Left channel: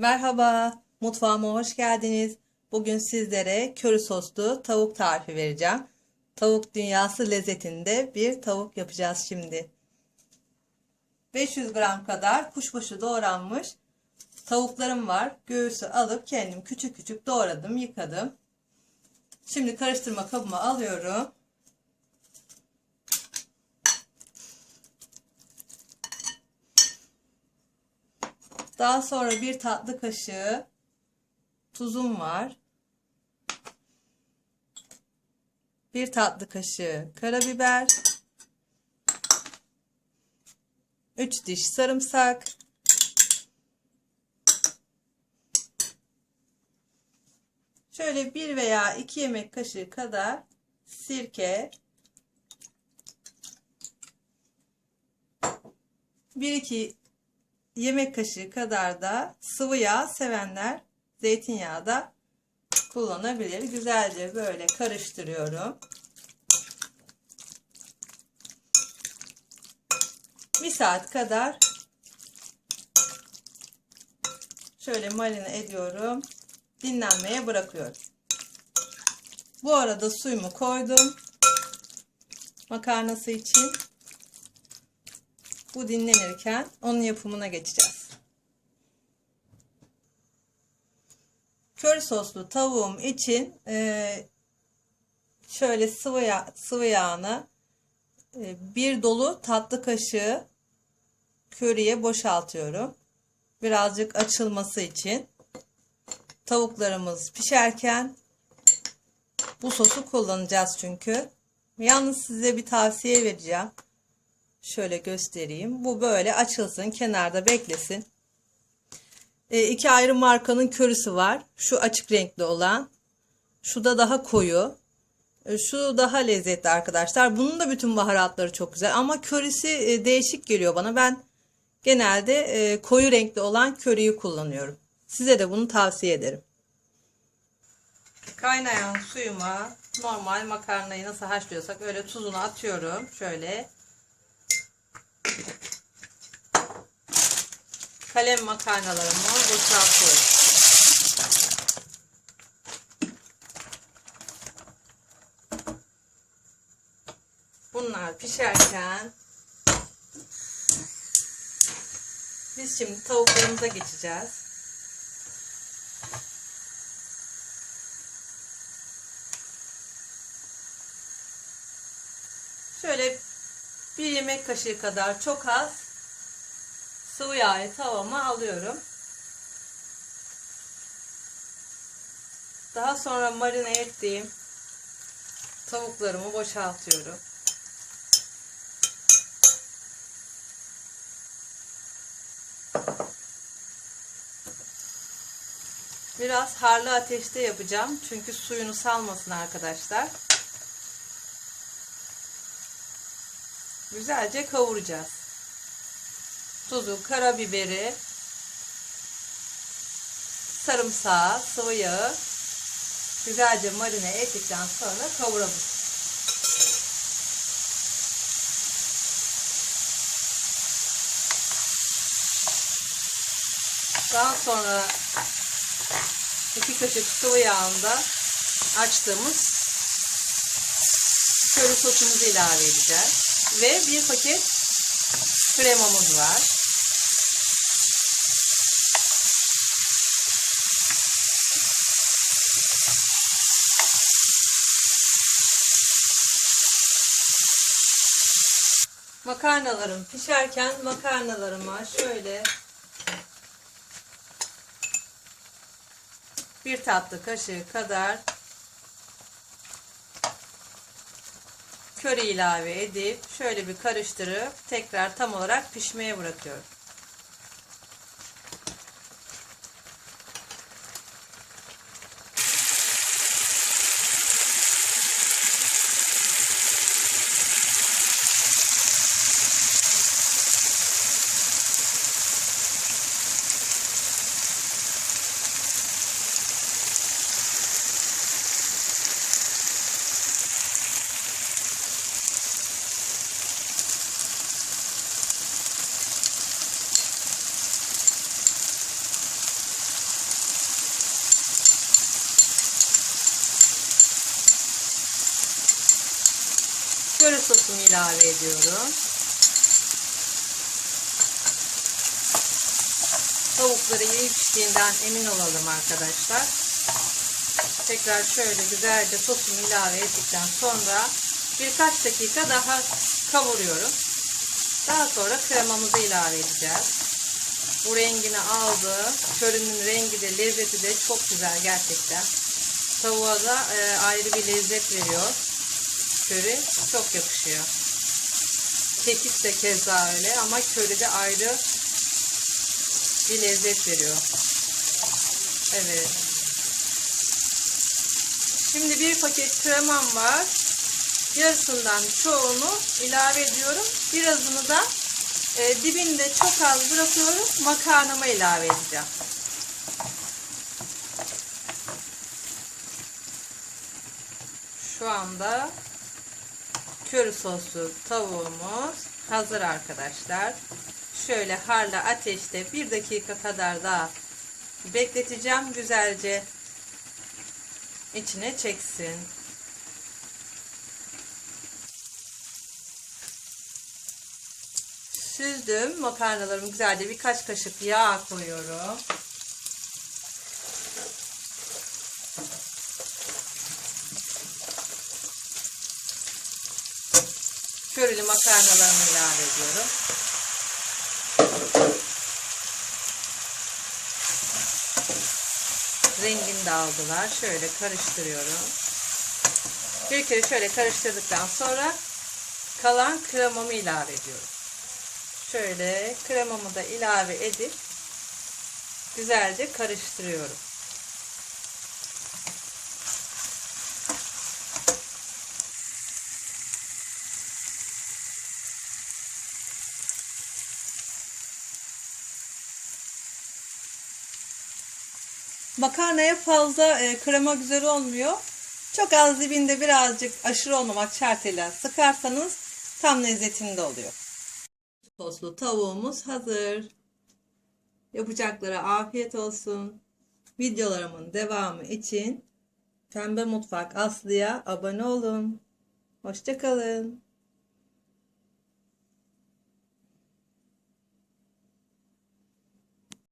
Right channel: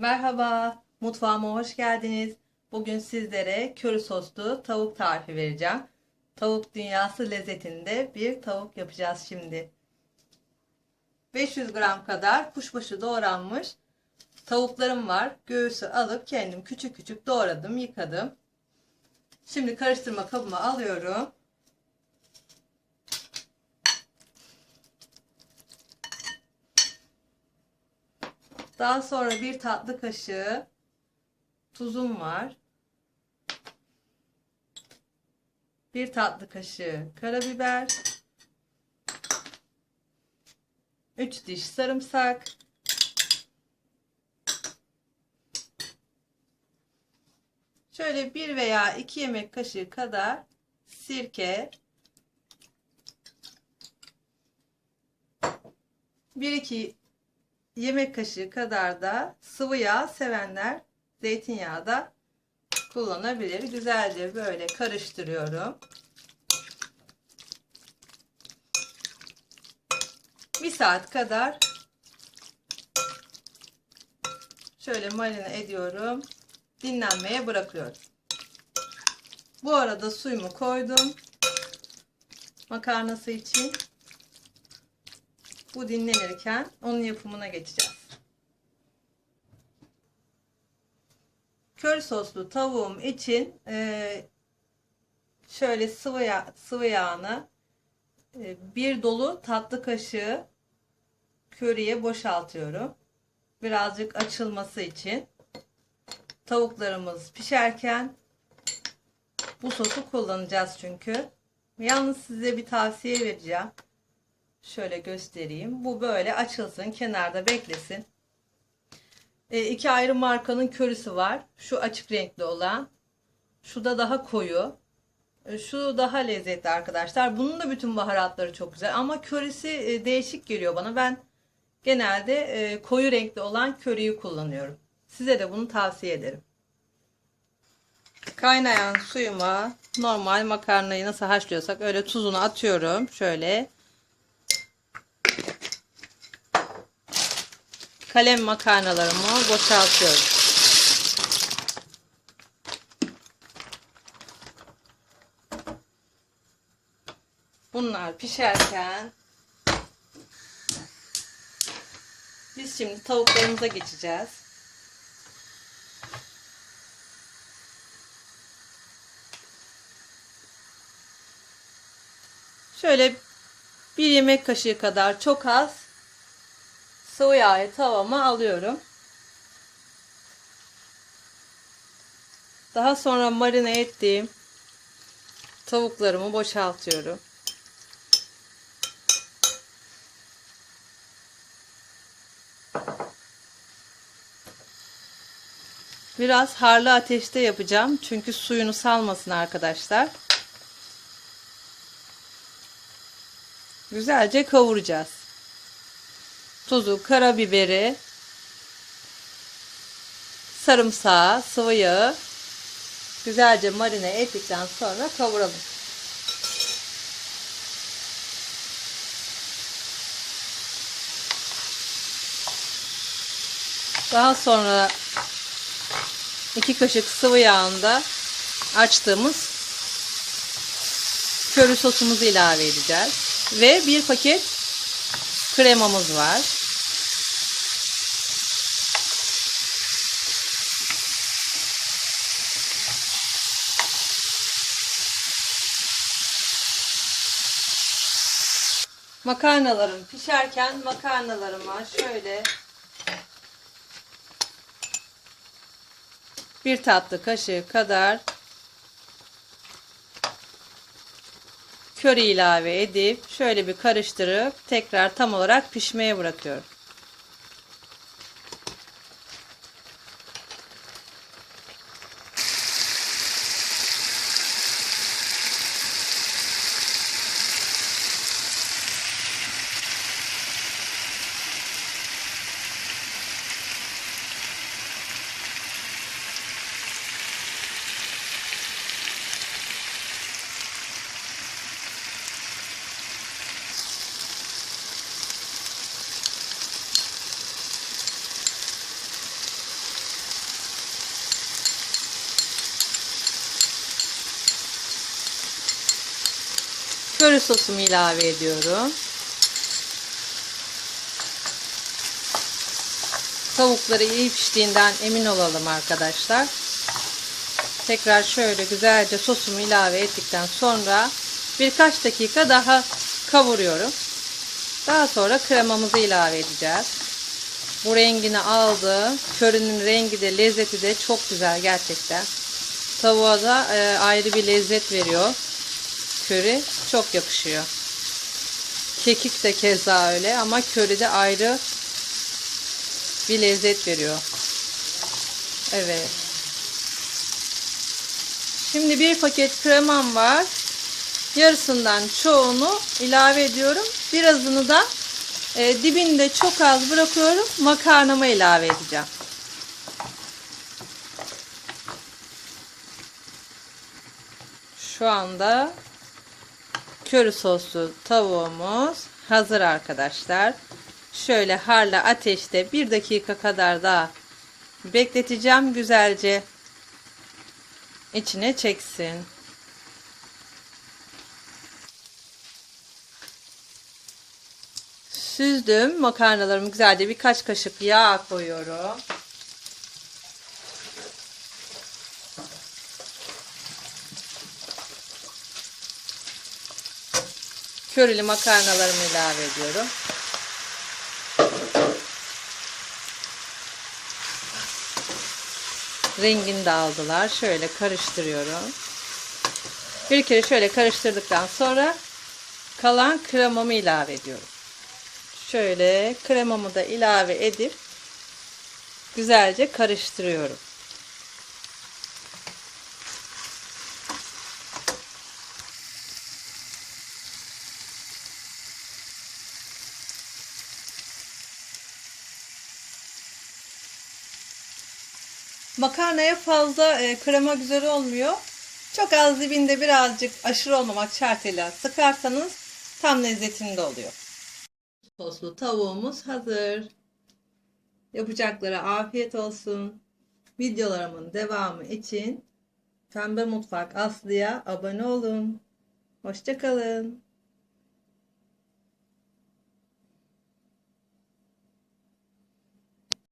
Merhaba, mutfağıma hoş geldiniz. Bugün sizlere köri soslu tavuk tarifi vereceğim. Tavuk dünyası lezzetinde bir tavuk yapacağız şimdi. 500 gram kadar kuşbaşı doğranmış tavuklarım var. Göğsü alıp kendim küçük küçük doğradım, yıkadım. Şimdi karıştırma kabıma alıyorum. Daha sonra bir tatlı kaşığı tuzum var. Bir tatlı kaşığı karabiber. 3 diş sarımsak. Şöyle bir veya iki yemek kaşığı kadar sirke. Bir iki yemek kaşığı kadar da sıvı yağ sevenler zeytinyağı da kullanabilir. Güzelce böyle karıştırıyorum. Bir saat kadar şöyle marine ediyorum. Dinlenmeye bırakıyorum. Bu arada suyumu koydum. Makarnası için. Bu dinlenirken onun yapımına geçeceğiz. Köri soslu tavuğum için e, şöyle sıvı, yağ, sıvı yağını e, bir dolu tatlı kaşığı köriye boşaltıyorum. Birazcık açılması için. Tavuklarımız pişerken bu sosu kullanacağız çünkü. Yalnız size bir tavsiye vereceğim. Şöyle göstereyim. Bu böyle açılsın. Kenarda beklesin. E, iki ayrı markanın körüsü var. Şu açık renkli olan. Şu da daha koyu. E, şu daha lezzetli arkadaşlar. Bunun da bütün baharatları çok güzel. Ama körüsü e, değişik geliyor bana. Ben genelde e, koyu renkli olan körüyü kullanıyorum. Size de bunu tavsiye ederim. Kaynayan suyuma normal makarnayı nasıl haşlıyorsak öyle tuzunu atıyorum. Şöyle kalem makarnalarımı boşaltıyorum. Bunlar pişerken biz şimdi tavuklarımıza geçeceğiz. Şöyle bir yemek kaşığı kadar çok az sıvı yağı tavama alıyorum. Daha sonra marine ettiğim tavuklarımı boşaltıyorum. Biraz harlı ateşte yapacağım. Çünkü suyunu salmasın arkadaşlar. Güzelce kavuracağız. Tuzu, karabiberi, sarımsağı, sıvı yağı güzelce marine ettikten sonra kavuralım. Daha sonra iki kaşık sıvı yağında açtığımız köri sosumuzu ilave edeceğiz. Ve bir paket kremamız var. Makarnalarım pişerken makarnalarıma şöyle bir tatlı kaşığı kadar köri ilave edip şöyle bir karıştırıp tekrar tam olarak pişmeye bırakıyorum. Köri sosumu ilave ediyorum. Tavukları iyi piştiğinden emin olalım arkadaşlar. Tekrar şöyle güzelce sosumu ilave ettikten sonra birkaç dakika daha kavuruyorum. Daha sonra kremamızı ilave edeceğiz. Bu rengini aldı. Körünün rengi de lezzeti de çok güzel gerçekten. Tavuğa da e, ayrı bir lezzet veriyor. Köri çok yakışıyor. Kekik de keza öyle ama köri de ayrı bir lezzet veriyor. Evet. Şimdi bir paket kremam var. Yarısından çoğunu ilave ediyorum. Birazını da e, dibinde çok az bırakıyorum. Makarnama ilave edeceğim. Şu anda köri soslu tavuğumuz hazır arkadaşlar. Şöyle harla ateşte bir dakika kadar daha bekleteceğim. Güzelce içine çeksin. Süzdüm makarnalarımı güzelce birkaç kaşık yağ koyuyorum. Körili makarnalarımı ilave ediyorum. Rengini de aldılar. Şöyle karıştırıyorum. Bir kere şöyle karıştırdıktan sonra kalan kremamı ilave ediyorum. Şöyle kremamı da ilave edip güzelce karıştırıyorum. Makarnaya fazla e, krema güzel olmuyor. Çok az dibinde birazcık aşırı olmamak şartıyla sıkarsanız tam lezzetinde oluyor. Soslu tavuğumuz hazır. Yapacaklara afiyet olsun. Videolarımın devamı için Pembe Mutfak Aslı'ya abone olun. Hoşçakalın.